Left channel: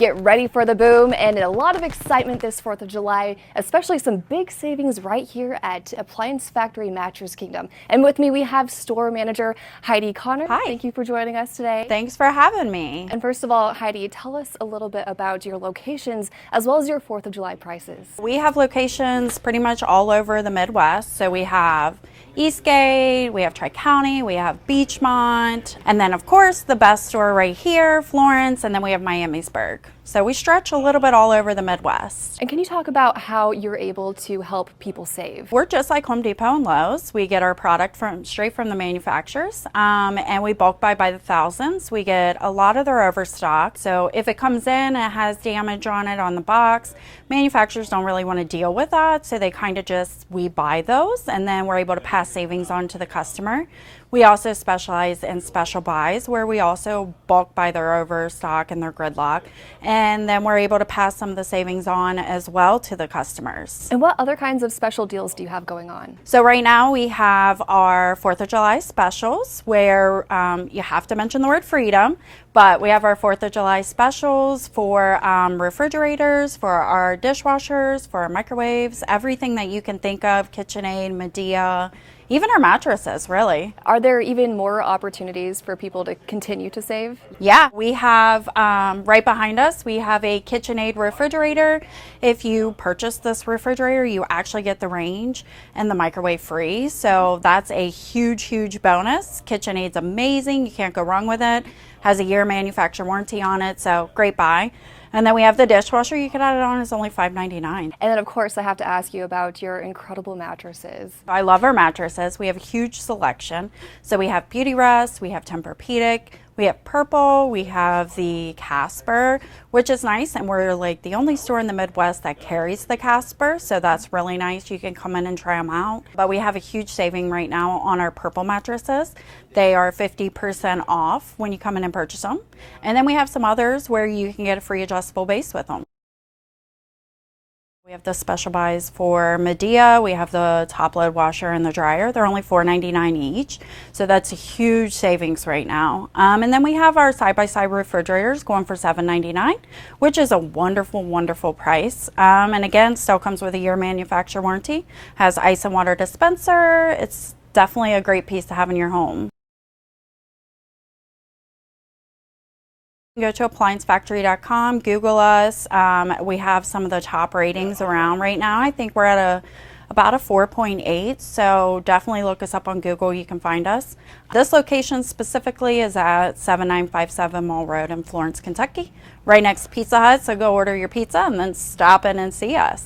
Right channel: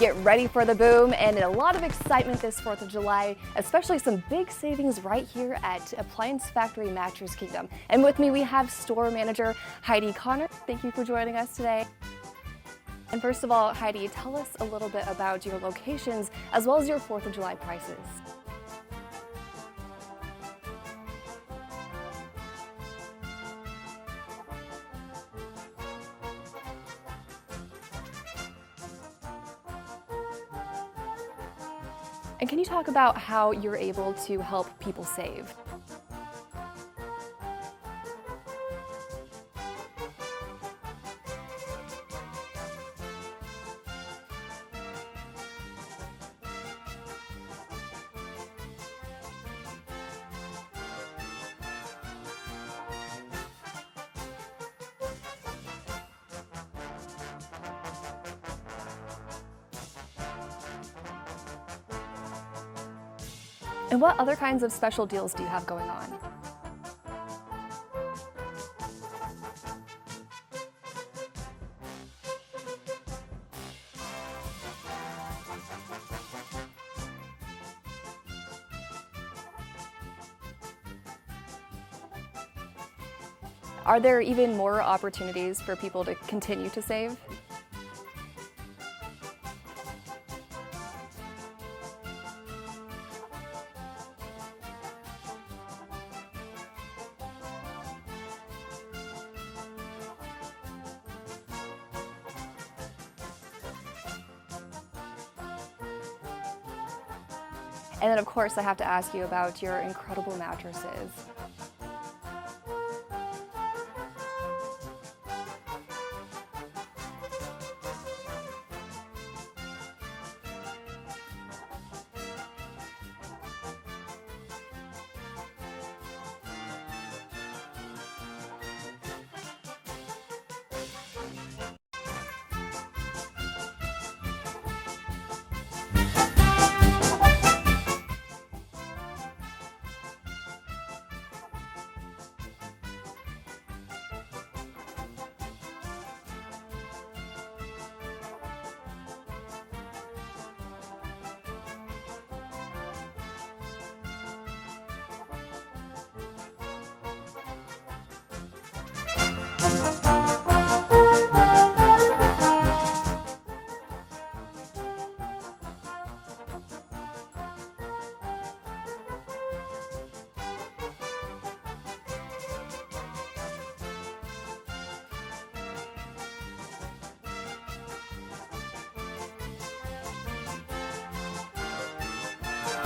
Get ready for the boom and a lot of excitement this 4th of July, especially some big savings right here at Appliance Factory Mattress Kingdom. And with me we have store manager Heidi Connor. Hi. Thank you for joining us today. Thanks for having me. And first of all, Heidi, tell us a little bit about your locations as well as your 4th of July prices. We have locations pretty much all over the Midwest. So we have Eastgate, we have Tri-County, we have Beachmont, and then of course the best store right here, Florence, and then we have Miamisburg. So we stretch a little bit all over the Midwest. And can you talk about how you're able to help people save? We're just like Home Depot and Lowe's. We get our product straight from the manufacturers, and we bulk buy by the thousands. We get a lot of their overstock. So if it comes in and it has damage on it on the box, manufacturers don't really want to deal with that. So they kind of we buy those, and then we're able to pass savings on to the customer. We also specialize in special buys where we also bulk buy their overstock and their gridlock, and then we're able to pass some of the savings on as well to the customers. And what other kinds of special deals do you have going on? So right now we have our 4th of July specials where you have to mention the word freedom, but we have our 4th of July specials for refrigerators, for our dishwashers, for our microwaves, everything that you can think of, KitchenAid, Medea, even our mattresses, really. Are there even more opportunities for people to continue to save? Yeah, we have right behind us, we have a KitchenAid refrigerator. If you purchase this refrigerator, you actually get the range and the microwave free. So that's a huge, huge bonus. KitchenAid's amazing. You can't go wrong with it. Has a year manufacturer warranty on it, so great buy. And then we have the dishwasher. You can add it on, it's only $5.99. And then of course I have to ask you about your incredible mattresses. I love our mattresses. We have a huge selection. So we have Beautyrest, we have Tempur-Pedic, we have Purple, we have the Casper, which is nice, and we're like the only store in the Midwest that carries the Casper, so that's really nice. You can come in and try them out. But we have a huge saving right now on our Purple mattresses. They are 50% off when you come in and purchase them. And then we have some others where you can get a free adjustable base with them. The special buys for Medea, we have the top load washer and the dryer. They're only $4.99 each, so that's a huge savings right now. And then we have our side-by-side refrigerators going for $7.99, which is a wonderful, wonderful price. And again, still comes with a year manufacturer warranty, has ice and water dispenser. It's definitely a great piece to have in your home. Go to appliancefactory.com, Google us. We have some of the top ratings around right now. I think we're at about a 4.8, so definitely look us up on Google. You can find us. This location specifically is at 7957 Mall Road in Florence, Kentucky, right next to Pizza Hut. So go order your pizza and then stop in and see us.